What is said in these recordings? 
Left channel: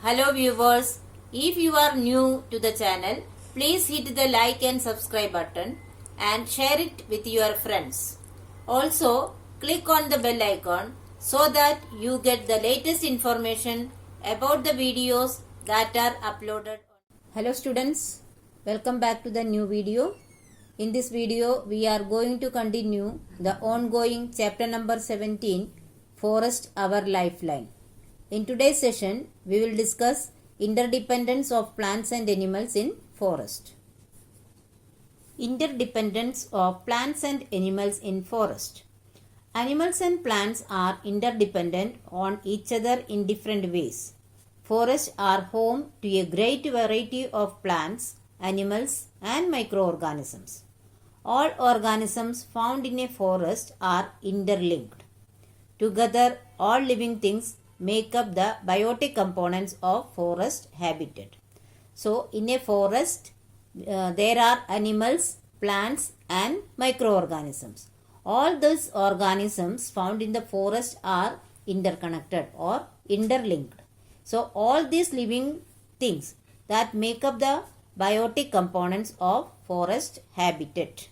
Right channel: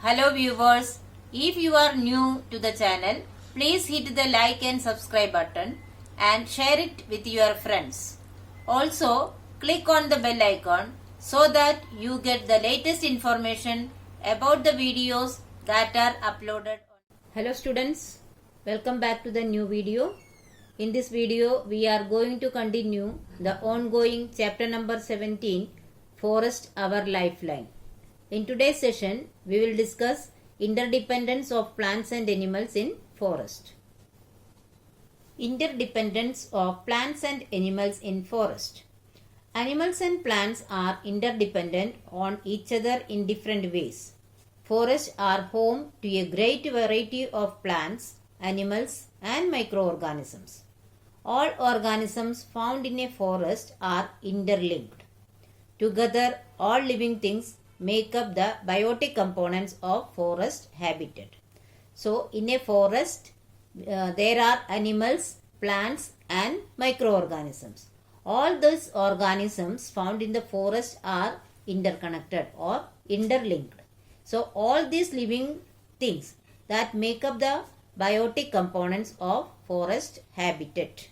Hello viewers, if you are new to the channel, please hit the like and subscribe button and share it with your friends. Also, click on the bell icon so that you get the latest information about the videos that are uploaded. Hello students, welcome back to the new video. In this video, we are going to continue the ongoing chapter number 17, Forest Our Lifeline. In today's session, we will discuss interdependence of plants and animals in forest. Interdependence of plants and animals in forest. Animals and plants are interdependent on each other in different ways. Forests are home to a great variety of plants, animals, and microorganisms. All organisms found in a forest are interlinked. Together, all living things make up the biotic components of forest habitat. So, in a forest, there are animals, plants and microorganisms. All these organisms found in the forest are interconnected or interlinked. So, all these living things that make up the biotic components of forest habitat.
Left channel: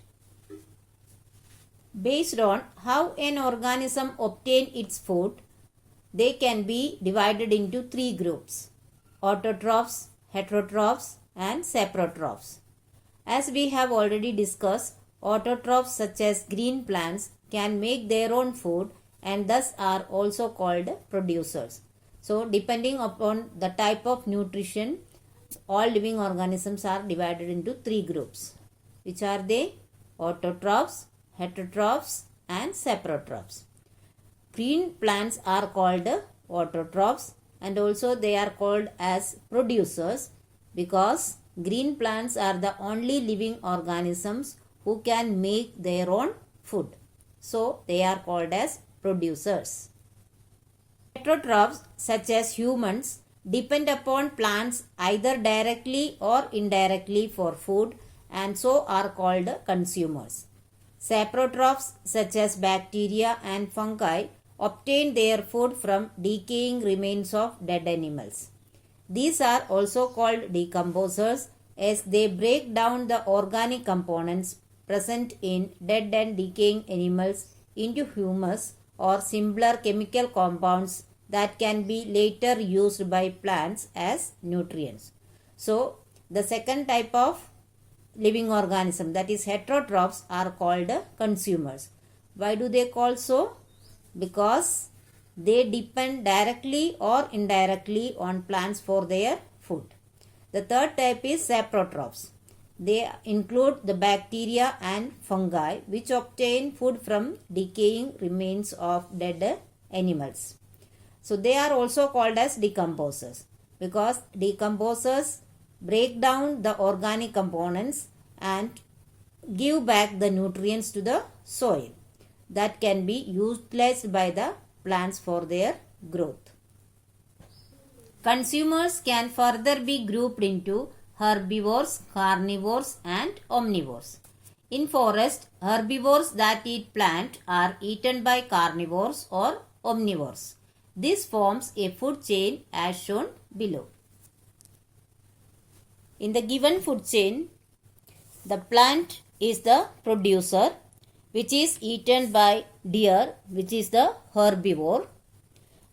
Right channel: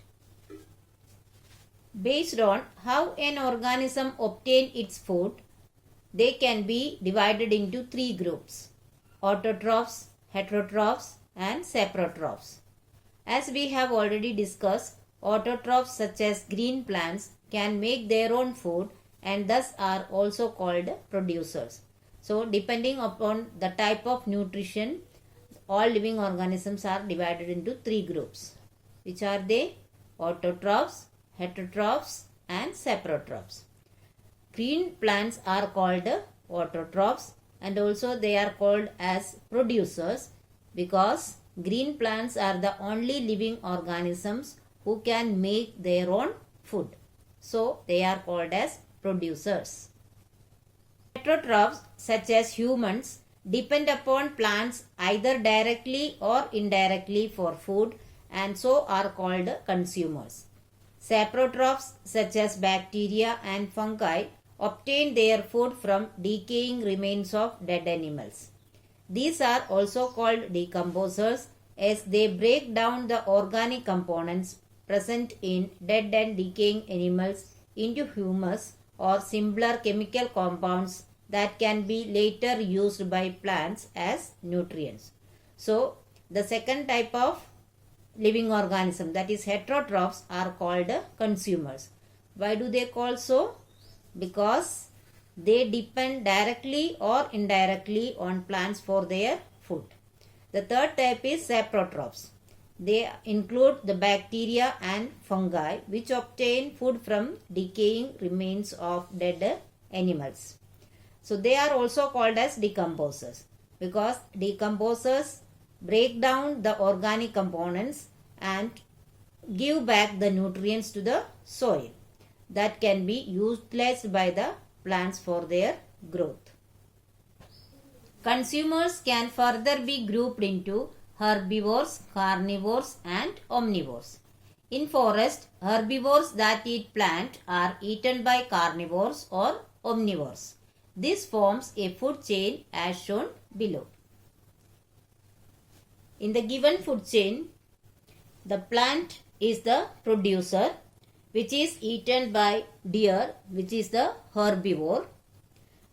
Based on how an organism obtains its food, they can be divided into three groups: autotrophs, heterotrophs and saprotrophs. As we have already discussed, autotrophs such as green plants can make their own food and thus are also called producers. So, depending upon the type of nutrition, all living organisms are divided into three groups. Which are they? Autotrophs, heterotrophs and saprotrophs. Green plants are called autotrophs and also they are called as producers because green plants are the only living organisms who can make their own food. So, they are called as producers. Heterotrophs such as humans depend upon plants either directly or indirectly for food and so are called consumers. Saprotrophs such as bacteria and fungi obtain their food from decaying remains of dead animals. These are also called decomposers as they break down the organic components present in dead and decaying animals into humus or similar chemical compounds that can be later used by plants as nutrients. So, the second type of living organism, that is heterotrophs, are called consumers. Why do they call so? Because they depend directly or indirectly on plants for their food. The third type is saprotrophs. They include the bacteria and fungi which obtain food from decaying remains of dead animals. So they are also called as decomposers because decomposers break down the organic components and give back the nutrients to the soil that can be utilized by the plants for their growth. Consumers can further be grouped into herbivores, carnivores and omnivores. In forest, herbivores that eat plant are eaten by carnivores or omnivores. This forms a food chain as shown below. In the given food chain, the plant is the producer, which is eaten by deer, which is the herbivore,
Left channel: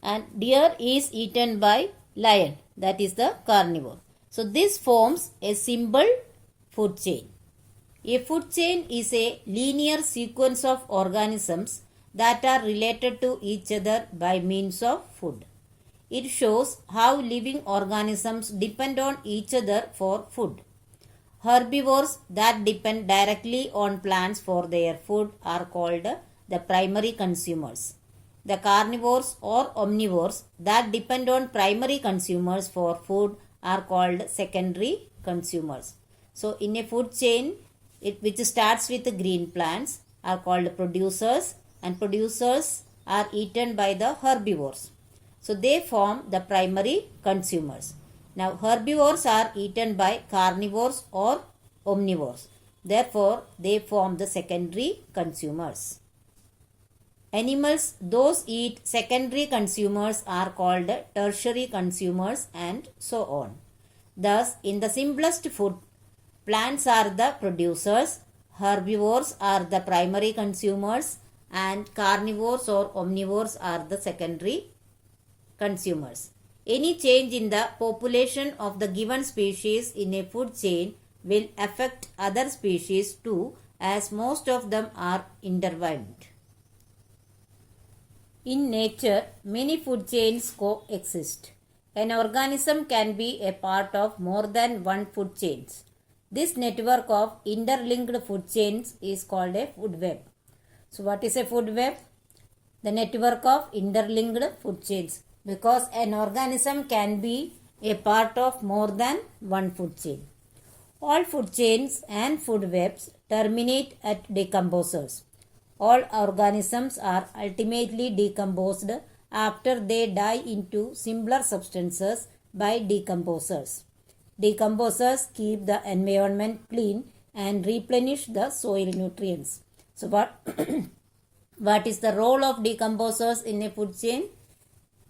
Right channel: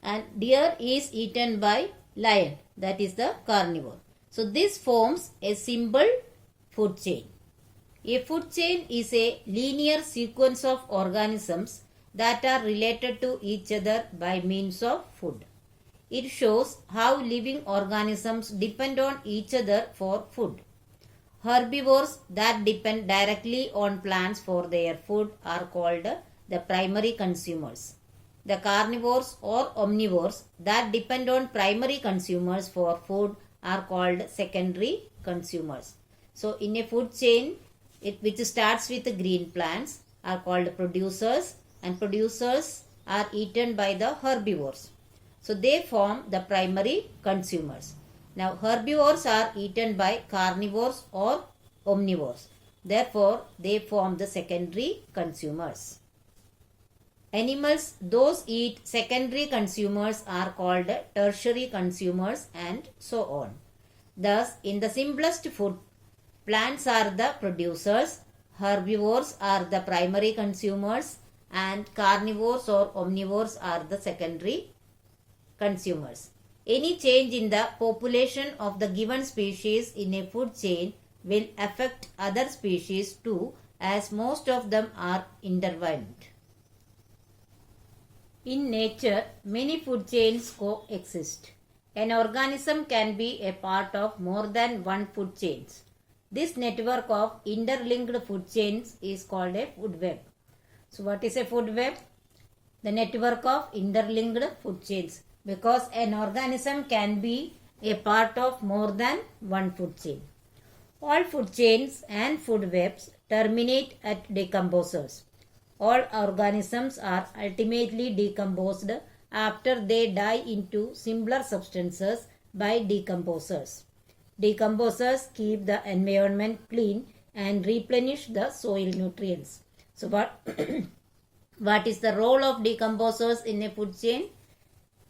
and deer is eaten by lion, that is the carnivore. So this forms a simple food chain. A food chain is a linear sequence of organisms that are related to each other by means of food. It shows how living organisms depend on each other for food. Herbivores that depend directly on plants for their food are called the primary consumers. The carnivores or omnivores that depend on primary consumers for food are called secondary consumers. So, in a food chain, which starts with green plants are called producers and producers are eaten by the herbivores. So, they form the primary consumers. Now, herbivores are eaten by carnivores or omnivores. Therefore, they form the secondary consumers. Animals those eat secondary consumers are called tertiary consumers and so on. Thus, in the simplest food, plants are the producers, herbivores are the primary consumers, and carnivores or omnivores are the secondary consumers. Any change in the population of the given species in a food chain will affect other species too, as most of them are intertwined. In nature, many food chains coexist. An organism can be a part of more than one food chain. This network of interlinked food chains is called a food web. So what is a food web? The network of interlinked food chains. Because an organism can be a part of more than one food chain. All food chains and food webs terminate at decomposers. All organisms are ultimately decomposed after they die into simpler substances by decomposers. Decomposers keep the environment clean and replenish the soil nutrients. So what is the role of decomposers in a food chain?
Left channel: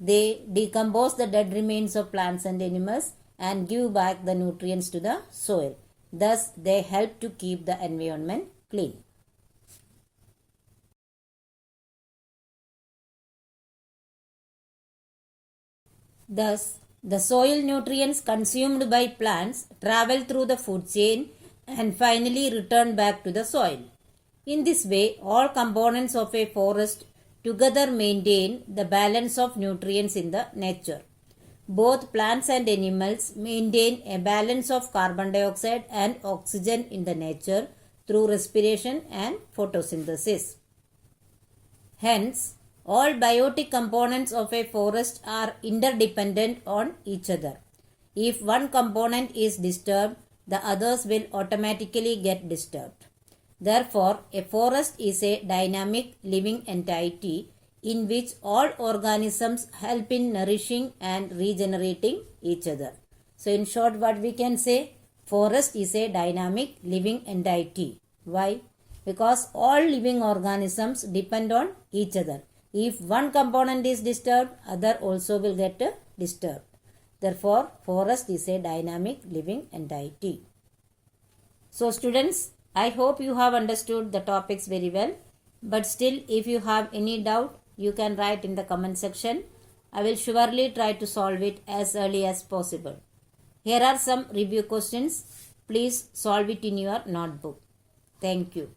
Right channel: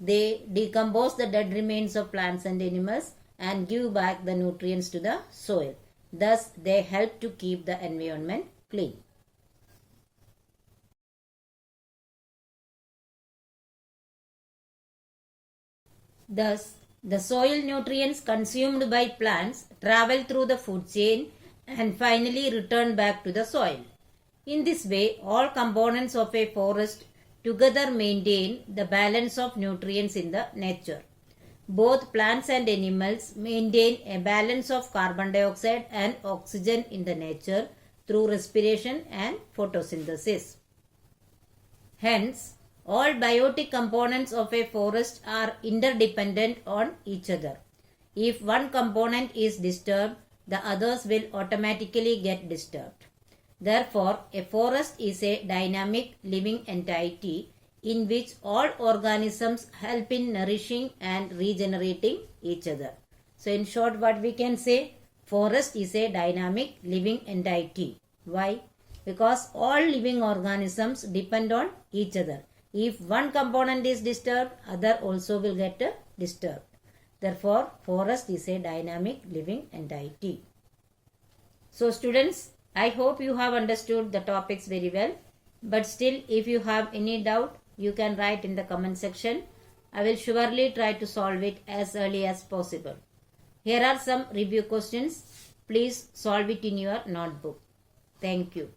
They decompose the dead remains of plants and animals and give back the nutrients to the soil. Thus, they help to keep the environment clean. Thus, the soil nutrients consumed by plants travel through the food chain and finally return back to the soil. In this way, all components of a forest together maintain the balance of nutrients in the nature. Both plants and animals maintain a balance of carbon dioxide and oxygen in the nature through respiration and photosynthesis. Hence, all biotic components of a forest are interdependent on each other. If one component is disturbed, the others will automatically get disturbed. Therefore, a forest is a dynamic living entity in which all organisms help in nourishing and regenerating each other. So, in short, what we can say? Forest is a dynamic living entity. Why? Because all living organisms depend on each other. If one component is disturbed, other also will get disturbed. Therefore, forest is a dynamic living entity. So, students, I hope you have understood the topics very well. But still, if you have any doubt, you can write in the comment section. I will surely try to solve it as early as possible. Here are some review questions. Please solve it in your notebook. Thank you.